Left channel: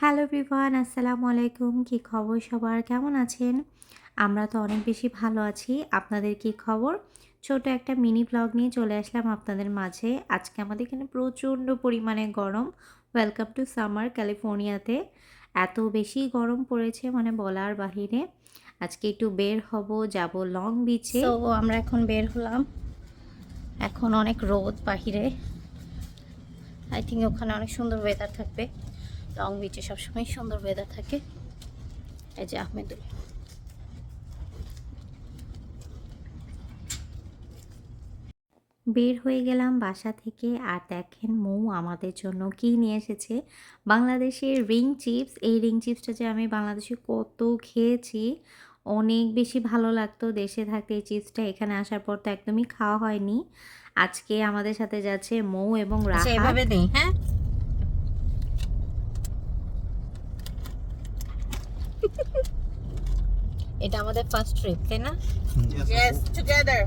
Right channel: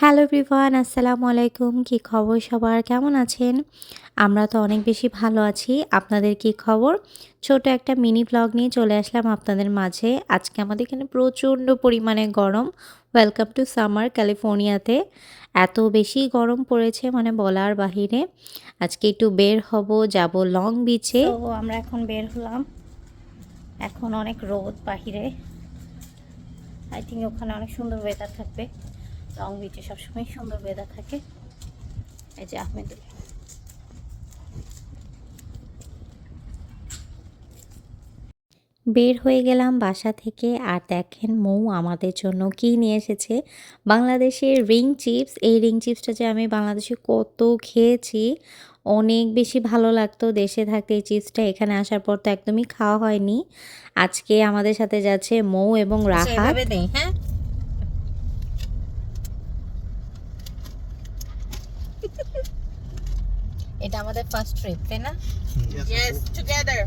Hello everyone, আসসালামু আলাইকুম। কি খবর সবার? কেমন আছেন? আমরা তো অনেক বেশি ভালো আছি। আপনাদের কি খবর? ছোট একটা মিনি ব্লগ নিয়ে চলে আসলাম আপনাদের মাঝে। আজকে আমাদের এখানে প্রচণ্ড পরিমাণে গরম। ওয়েলকাম টু সামার ক্যালিফোর্নিয়াতে এত বেশি গরম পড়েছে মানে বলার বাহিরে। আজকে একটু বের হব, যাব লং বিচে তো আমরা এখন বের হলাম। এখন অনেক রোদ বাহিরে। আই থিঙ্ক ওখানে অনেক সুন্দর ওয়েদার থাকবে। লং বিচে সবসময় সুন্দর ওয়েদার থাকে। এই যে আহমেদুল বের হয়ে গেলাম বাসা থেকে আর দেখেন মৌ আমাদের জন্য কি নিয়ে এসেছে। বাংলাদেশের রিং চিপস এই রিং চিপসটা যে আমি বাংলাদেশে কত খেয়েছি অনেক বেশি ভালো লাগতো দেশে থাকতে এই চিপসটা। এখানে আসার পর তো একদমই খাওয়া হয়নি। আজকে আমাদের সাথে যাচ্ছে মৌ এবং রাহা হ্যাঁ? এটা আমাদের ফার্স্ট ট্রিপ তাই না? Yes, together.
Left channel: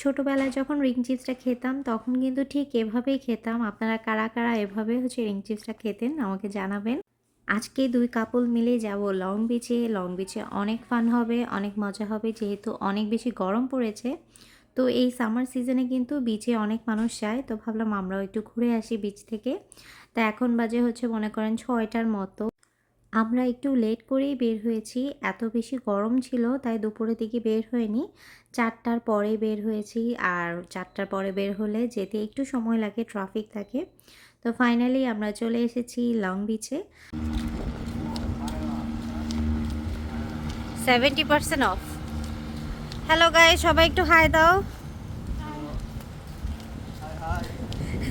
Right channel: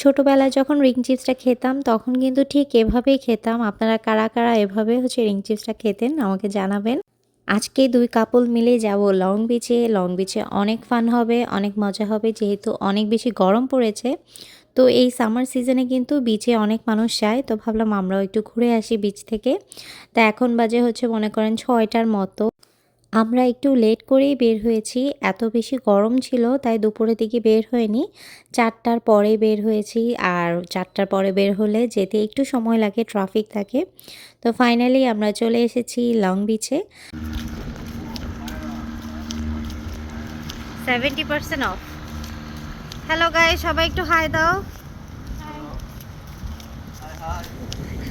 ছোটোবেলায় যখন রিং চিপসটা খেতাম তখন কিন্তু ঠিক এভাবেই খেতাম। আপনারা কারা কারা এভাবে হচ্ছে রিং চিপসটা খেতেন আমাকে জানাবেন। আজকে দুই কাপল মিলে যাব লং বিচে লং বিচে অনেক ফান হবে অনেক মজা হবে যেহেতু অনেক বেশি গরম পড়েছে। তো এই সামার সিজনে কিন্তু বিচে অনেক মানুষ যায়। তো ভাবলাম আমরাও একটু ঘুরে আসি বিচ থেকে। তা এখন বাজে হচ্ছে মনে করেন ছয়টার মতো। আমরা একটু লেট করেই বের হয়েছি। এত বেশি গরম ছিল, তাই দুপুরের দিকে বের হয়নি। চারটার পরে বের হয়েছি আর চারটার পরে বের হলে যেতে একটু সময় লাগে, ট্রাফিক থাকে। তো ফাইনালি আমরা চলে এসেছি লং বিচে। Seventy percent off. Hello guy সবাই একটু হাই দাও।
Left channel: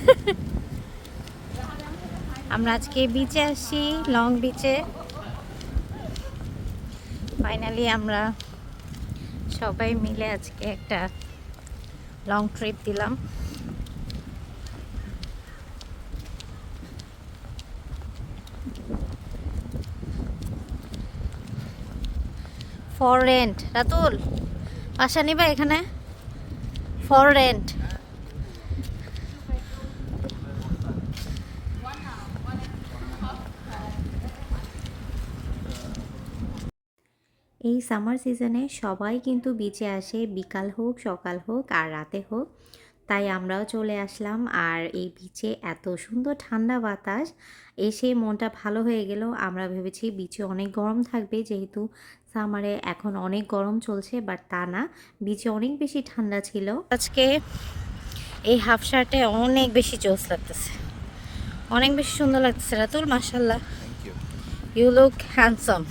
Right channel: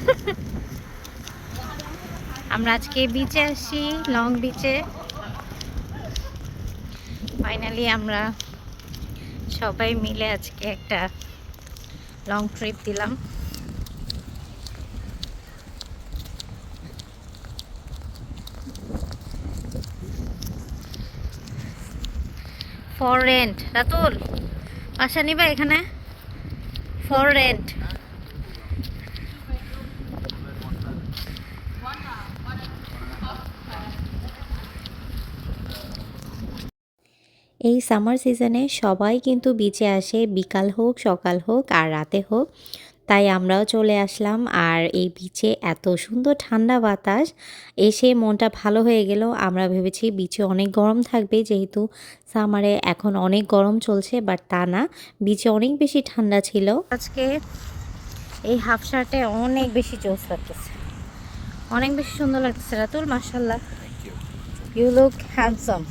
আমরা আজকে বিচে আসি লং বিচে ফাইনালি আমরা সবাই মিলে আজকে একটা লং ট্রিপ দিলাম। ফর রেন্ট রাতুল বাসা নিবা এখানে? ফর রেন্ট এই সামার সিজনে সবাই কিন্তু বিচে আসে। বিকাল হোক, সকাল হোক আর রাতে হোক। তাই আমরাও চলে আসলাম। আর এই বিচে এত সুন্দর ঠান্ডা বাতাস, এসে মনটা ভালো হয়ে গেল। আমরা ভেবেছি বিচে অনেক গরম থাকবে, যেহেতু সামারে এখন অনেক গরম চলছে বাট তা না। বিচে অনেক বেশি ঠান্ডা ছিল। আজকে এই হাফ শার্টে অনেক বেশি জোস লাগতেছে। অনেক বেশি সুন্দর লাগতেছে। রাতুল মাসাল্লাহ ইউ লুক হ্যান্ডসাম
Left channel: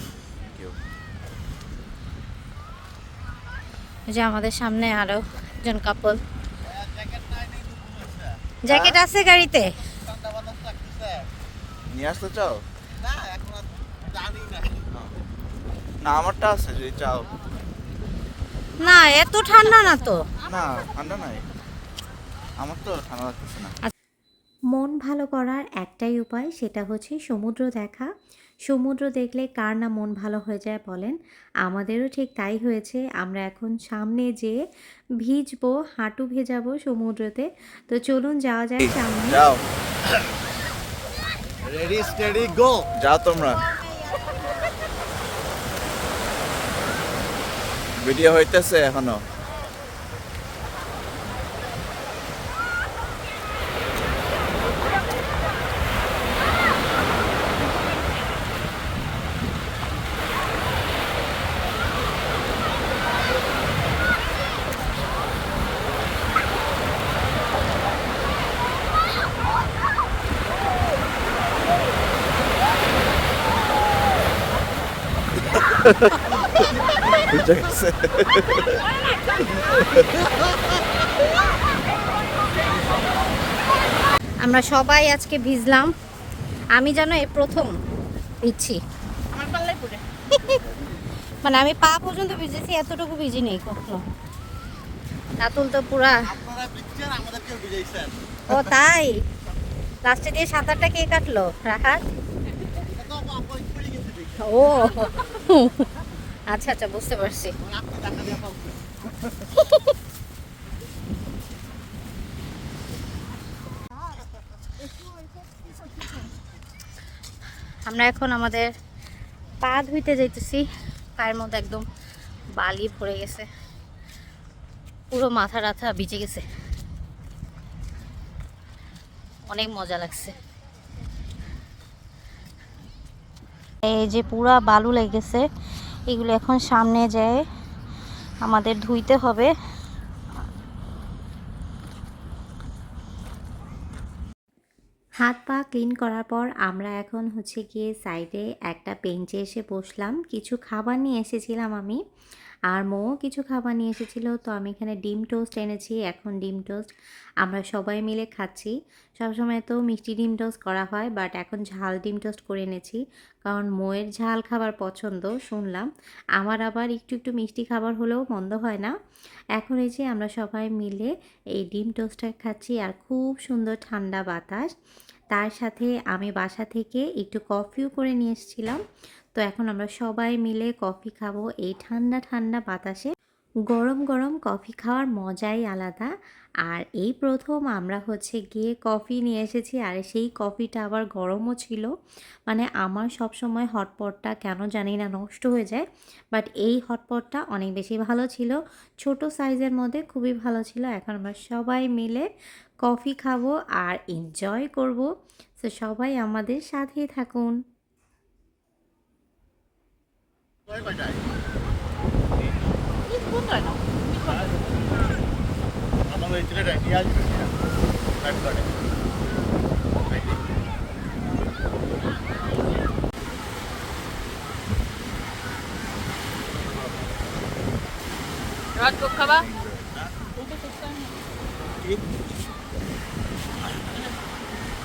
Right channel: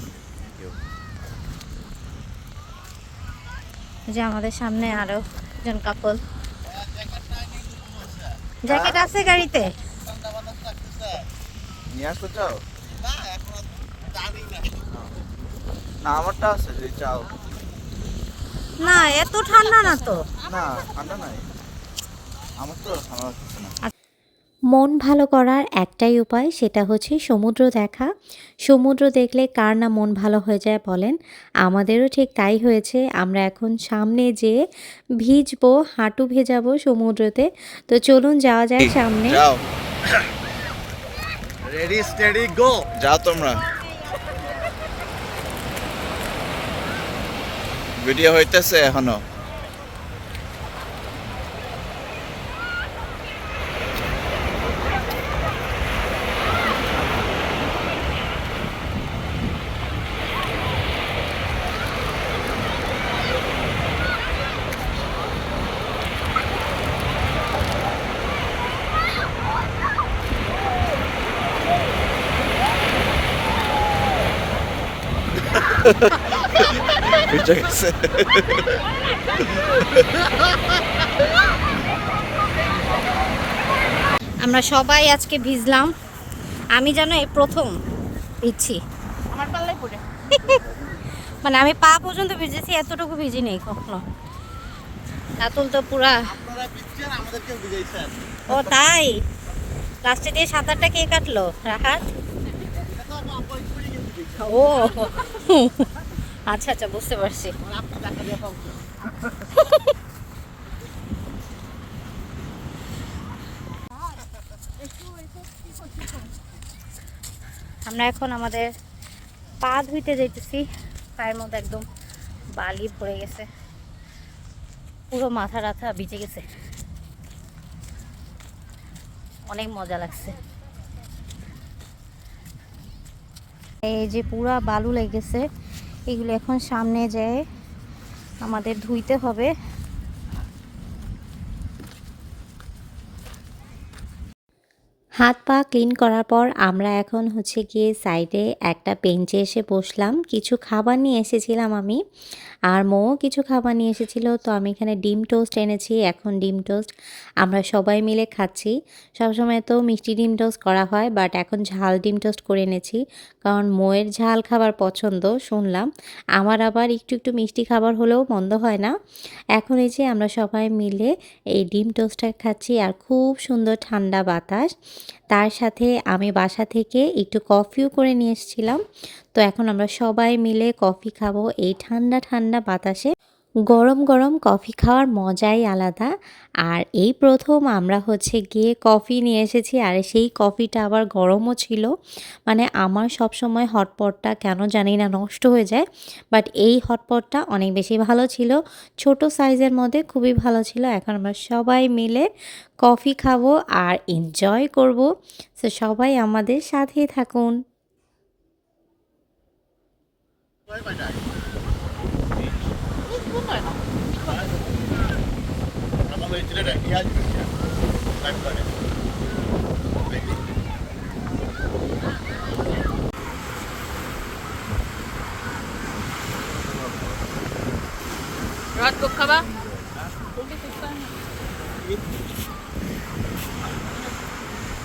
যে আমাদের সামনে আরও একজন কাপল জ্যাকেট আছে গাড়িতে? নিয়ে আসতে চাও? না আমারটা আছে যদি চাও। না এত ঠান্ডা না তো। না ঠান্ডা নাই। আমার তো ঠান্ডা লাগতেছে না। মন ভালো করার একটাই উপায় সেটা হচ্ছে সমুদ্র দেখা। সমুদ্র দেখলে কার না মন ভালো হয়ে যায় বলেন? আমাদেরও ঠিক তাই হয়েছে। আমরা এখন সামনে যেয়ে ভিজবো, হাঁটু ভেজাবো সমুদ্রতে। তো চলুন যাওয়া যায় সামনে। যাও তোমরা। ভিডিও হইতেছে এখনও। আমরা সবাই আজকে ভিজলাম। আমি যেন এই প্রথম ভিজছি। মানে আমি পা পর্যন্ত ভিজেছি, এতটুকু ভিজি নেই কখনো। রাতুল তো পুরা। ও তাই? লাস্টে দিয়ে সাঁতারটা কে কাটলো? রাহাত? ও। আচ্ছা আচ্ছা বুঝতে পারছি। আমরা এখন আমাদের পা ধুইতে যাইতেছি। পায়ের মধ্যে একদম বালি ভরে গেছে। পুরো মাথা রাথা ভিজে গেছে। অনেক মজা লাগছে। এই যে পুরা বালু লেগেছে, এগুলো এখন সামনে যায় আমাদের ধুইতে হবে। হাত পা ক্লিন করার পর আমরা এখন হচ্ছে গিয়ে সাইডে একটা বেঞ্চে এসে বসলাম। কিছু খাবার নিয়ে এসেছিলাম আমি। আর মৌ কিছু খাবার নিয়ে এসেছিল, তো আমি এখানে ডিম টোস্ট এনেছি, এখন ডিম টোস্ট আমরা সবাই মিলে খাচ্ছি। সবসময় তো মিষ্টি ডিম টোস্ট করা হয়, বাট এখন ঝাল ডিম টোস্ট করে এনেছি, কারণ মোয়ের ঝাল খাবার পছন্দ, শুনলাম। আমার আবার একটু একটু মিষ্টি খাবার হলেও মন্দ হয় না। এখন এই যে আমরা সবাই মিলে এই ডিম টোস্টটা খাচ্ছি, আর খুব সুন্দর ঠান্ডা বাতাস। তার সাথে আমি বাসা থেকে একটু কফিও করে নিয়ে এসেছিলাম। তো এখন আমরা সবাই মিলে কফি খাব এই ঠান্ডা ঠান্ডা বাতাসে। গরম গরম কফি খাওয়ার মজাই আলাদা। আর এই প্রথম আমরা হচ্ছে গিয়ে কফি নিয়ে এসেছি, আর সেই কফিটা আবার গরমও ছিল। মানে আমার সব সময় হটপটটা কেন জানি না নষ্ট হয়ে যায়, বাট এই হটপটটা অনেক বেশি ভালো ছিল। ছোট সাইজের মধ্যে খুবই ভালো ছিল। এখন আমরা সবাই মিলে কফি খাব আর এনজয় করব। তো সবাই আমাদের সাথেই থাকুন। Koyacak. Biz bunlar. Ama da içilerek geldik ya. Arkadaşlar. Radyo kala.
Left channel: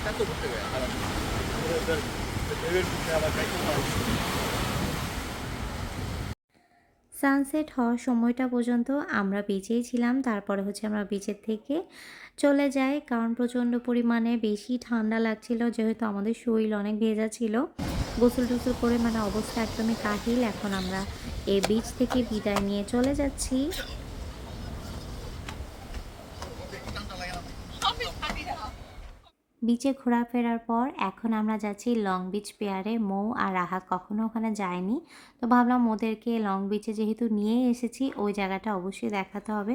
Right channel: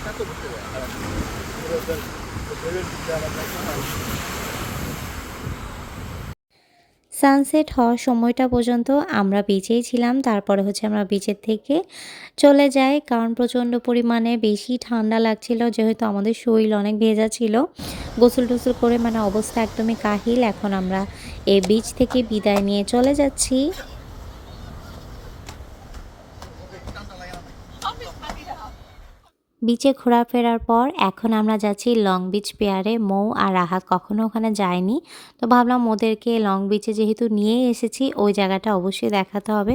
Kaç oldu ya? Evet, evet. Sunset হওয়ার সময়টা পর্যন্ত আমরা বিচেই ছিলাম। তারপরে হচ্ছে আমরা বিচের থেকে চলে যাই। কারণ প্রচণ্ড পরিমাণে বেশি ঠান্ডা লাগছিল, যেহেতু আমাদের শরীর অনেক ভেজা ছিল। গোসল টোসল করে মানে অবস্থা একদমই কাহিল। এখন আমরা এই বিচ থেকে বিদায় নিয়ে চলে যাচ্ছি। বিচে ঘোরাফেরার পর এখন আমরা যাচ্ছি লং বিচ পেয়ারে মৌ আর রাহা কখনো ওখানে যায়নি। তো ভাবলাম ওদেরকে লং বিচে যেহেতু নিয়ে এসেছি, ওই জায়গাটা অবশ্যই দেখাতে হবে।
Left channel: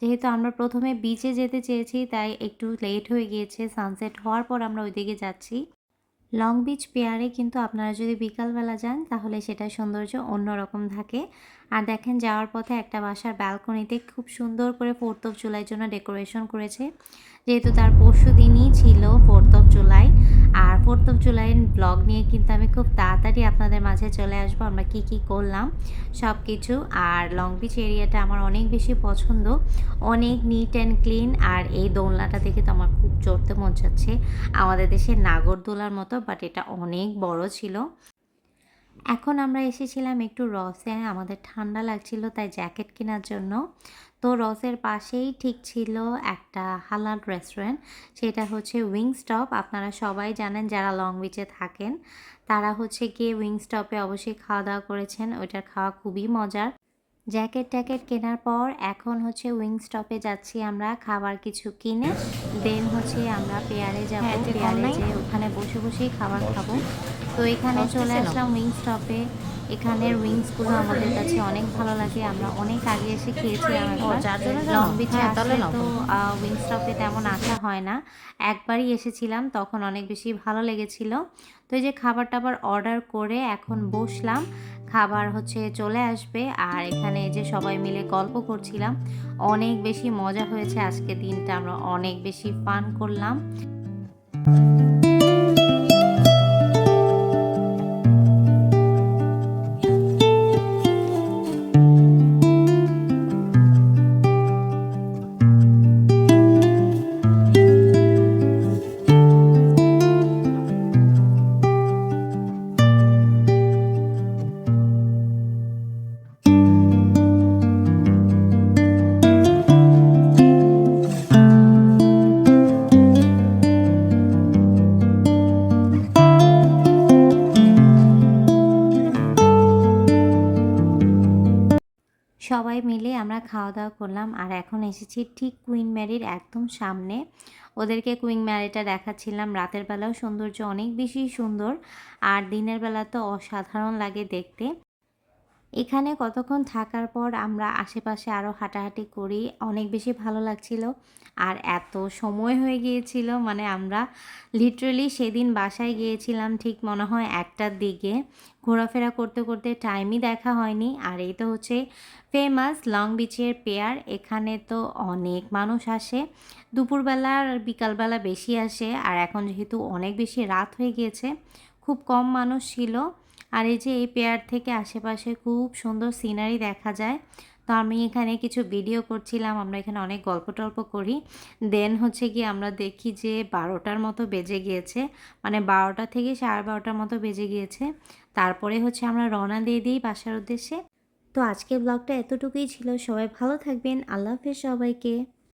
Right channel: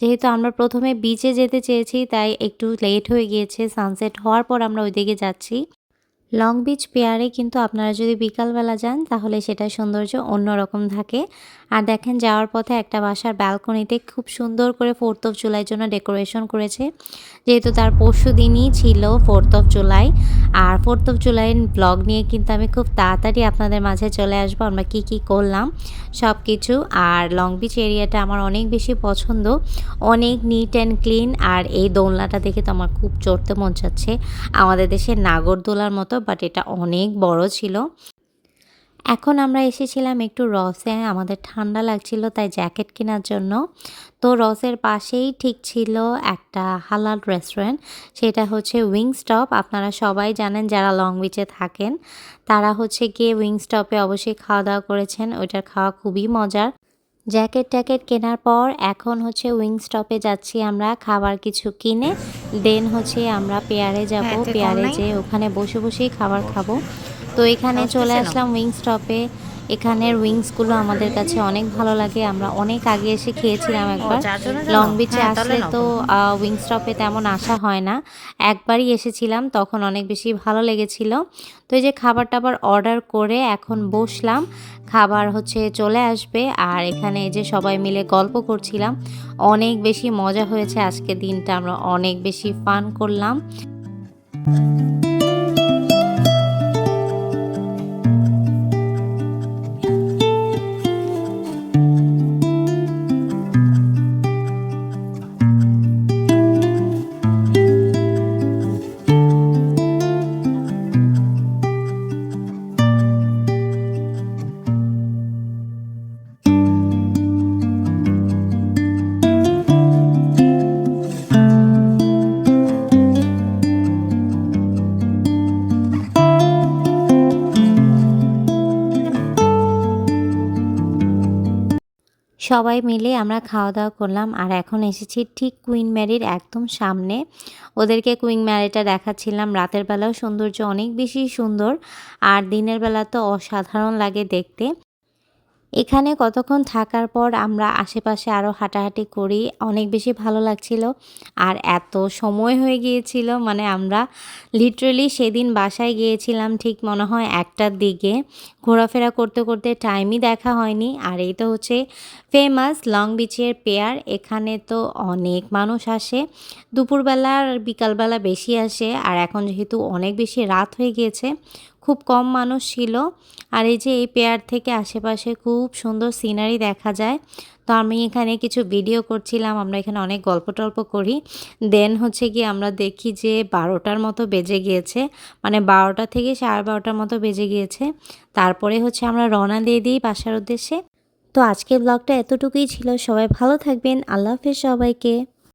যেহেতু আমরা প্রথমে বিচে যেতে চেয়েছি, তাই একটু লেট হয়ে গিয়েছে। সানসেট হওয়ার পর আমরা ওইদিকে যাচ্ছি। লং বিচ পেয়ারে কিন্তু আপনারা যদি বিকালবেলা যান, তাহলে সেটা সৌন্দর্য অন্যরকম থাকে। আর দেখেন, যাওয়ার পথে একটা বাসার ব্যালকনিতে খুব সুন্দর করে ফোর্থ অফ জুলাইয়ের জন্য ডেকোরেশন করেছে। যেহেতু তার পরশু দিনই ছিল ফোর্থ অফ জুলাই আর অফ জুলাইয়ের ব্লগ নিয়ে কিন্তু আমি খুব তাড়াতাড়ি আপনাদের মাঝে চলে আসব। আমরা কি কি করলাম সব কিছু আর লং বিচ এরিয়াটা আমার অনেক বেশি পছন্দ। অনেক নিট অ্যান্ড ক্লিন আর এই দোলনাটা দেখে তো আমার খুব চড়তে মন চাচ্ছে। আমাদের দেশের নাগরদোলার মতো বাট এটা অনেক বড় ছিল। এখন আমরা এসেছিলাম একটু রসে আমাদের ঠান্ডা লাগছিল তাই জ্যাকেট কেনার জন্য। তো রসের পাশেই ঠিক ছিল একটা হালাল রেস্টুরেন্ট সেটা হচ্ছে উইং স্টপ আপনারা সবাই জানেন যারা লং বিচে থাকেন তারা হচ্ছে গিয়ে উইং স্টপে অবশ্যই খাওয়া দাওয়া করেছেন ওইটার খাওয়া খুবই মজার। জ্যাকেট ট্যাকেট কেনার পর এখন হচ্ছে উইং স্টপে যাচ্ছি আমরা খাবার কিছু কিনে দেন হচ্ছে আমরা পেয়ারে যাব। হ্যাঁ, পেয়ারে নাই? যে ওখানে বসে বসেই খাবার খাব। তো এখানে চলে আসলাম উইং স্টপে এখানের উইংসগুলো আমাদের কাছে অনেক ভালো লাগে। আমরা অনেক আগে এসে খেয়েছিলাম একবার। জানো? লং বিচে হ্যাঁ, আসলে তো উইং স্টপে তেমন আসা হয় না। একবারই এসেছিলাম তখন অনেক বেশি ভালো লেগেছিল। তো এই যে খাবার টাবার অর্ডার করে এখন বসলাম। খাবার হচ্ছে চলে আসবে। আর এখানে এই যে সবাই মিলে গল্প করছিলাম। অনেক বেশি মজা হয়েছে আজকে দিনটা। আমরা অনেক বেশি ফান করলাম। সবাই মিলে আমরা খাওয়া দাওয়া করলাম আর এখন এসেছি ঠিক কুইন ম্যারির একদম সামনে। ওদেরকে কুইন ম্যারিটা দেখাচ্ছিলাম। রাতের বেলাও সৌন্দর্য অনেক বেশি সুন্দর আর দিনের বেলা তো অসাধারণ লাগে দেখতে। এখানে কতক্ষণ থাকার পর আমরা আশেপাশে আরও হাঁটাহাঁটি করি, অনেক বেশি ভালো লাগছিল। আর এত সময় হয়ে গিয়েছিল মানে আমরা লিটারেলি সেদিন বাসায় গিয়েছিলাম ঠিক মনে হয় একটার দিকে। ঘোরাফেরা করতে করতে টাইমই দেখা হয়নি। আর এই তো হচ্ছে ফেমাস লং বিচের পেয়ার এখানে তো অনেক মানুষ আসে। দুপুরবেলা আর বিকালবেলা বেশি আসে। আর এখন যেহেতু অনেক বেশি রাত হয়ে গিয়েছে খুব কম মানুষ ছিল। আর এই যে এই পেয়ার থেকে আশেপাশে খুব সুন্দর সিনারি দেখা যায়। তো আমি এখানে কিছু ভিডিও করছিলাম, আমরা এখানে অনেক গল্প টল্প করি। দেন হচ্ছে কি আমরা দেখি যে বারোটার মতো বেজে গিয়েছে। মানে বারোটা থেকে সাড়ে বারোটার মতো বেজে গিয়েছে। তারপরে হচ্ছে আমরা রওনা দিয়ে দিই বাসার উদ্দেশ্যে। তো আজকের ব্লগটা এতটুকুই ছিল। সবাই ভালো থাকবেন। আল্লাহ হাফেজ সবাইকে।